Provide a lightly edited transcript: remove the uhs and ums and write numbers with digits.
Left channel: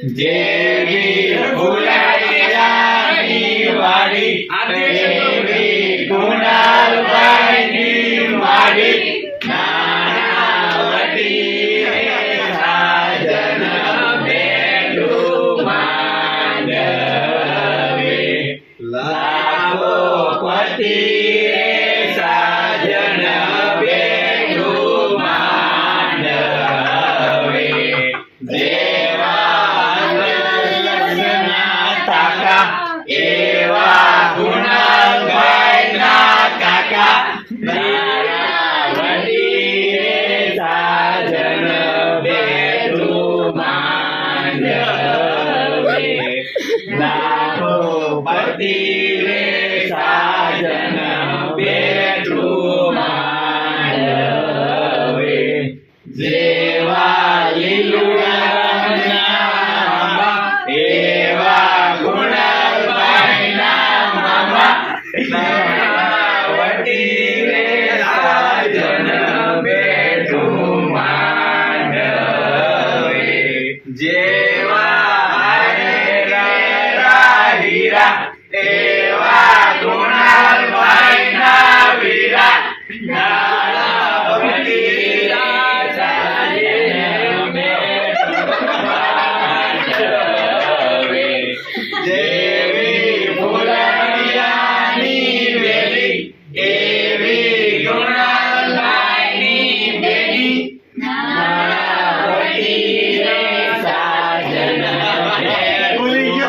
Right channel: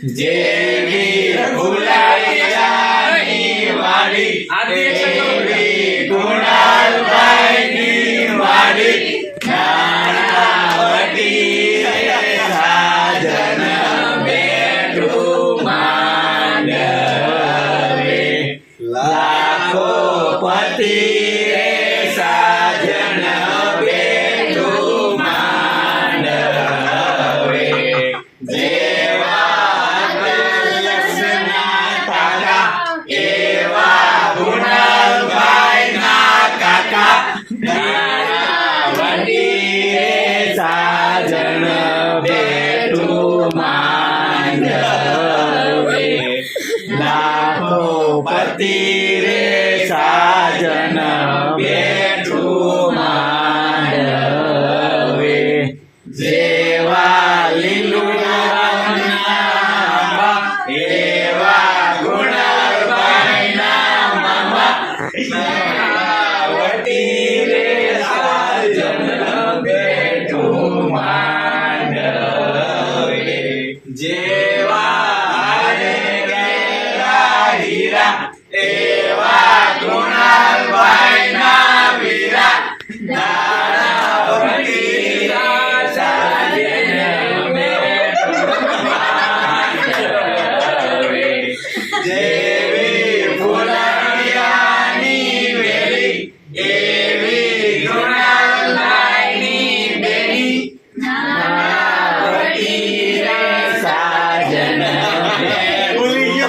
જેવી ભુલાઈયાની વાડી તેવી કુણાલભાઈની વાડી નાનાવટી રે સાજન બેઠું માંડવે લાખો પતિ રે સાજન બેઠું માંડવે એવા ગુણભાઈના કાકા નાનાવટી રે સાજન બેઠું માંડવે લાખો પતિ રે સાજન બેઠું માંડવે જેવા લીલું એવા ગુણભાઈના મામા નાનાવટી રે સાજન બેઠું માંડવે જેવા હારેરા હીરા એવા ગુણભાઈના વીરા નાનાવટી રે સાજન જેવી ભુલાઈયાની વેલી એવી ગુણાલભાઈની બેની નાનાવટી રે સાજન ભૂલી ગયો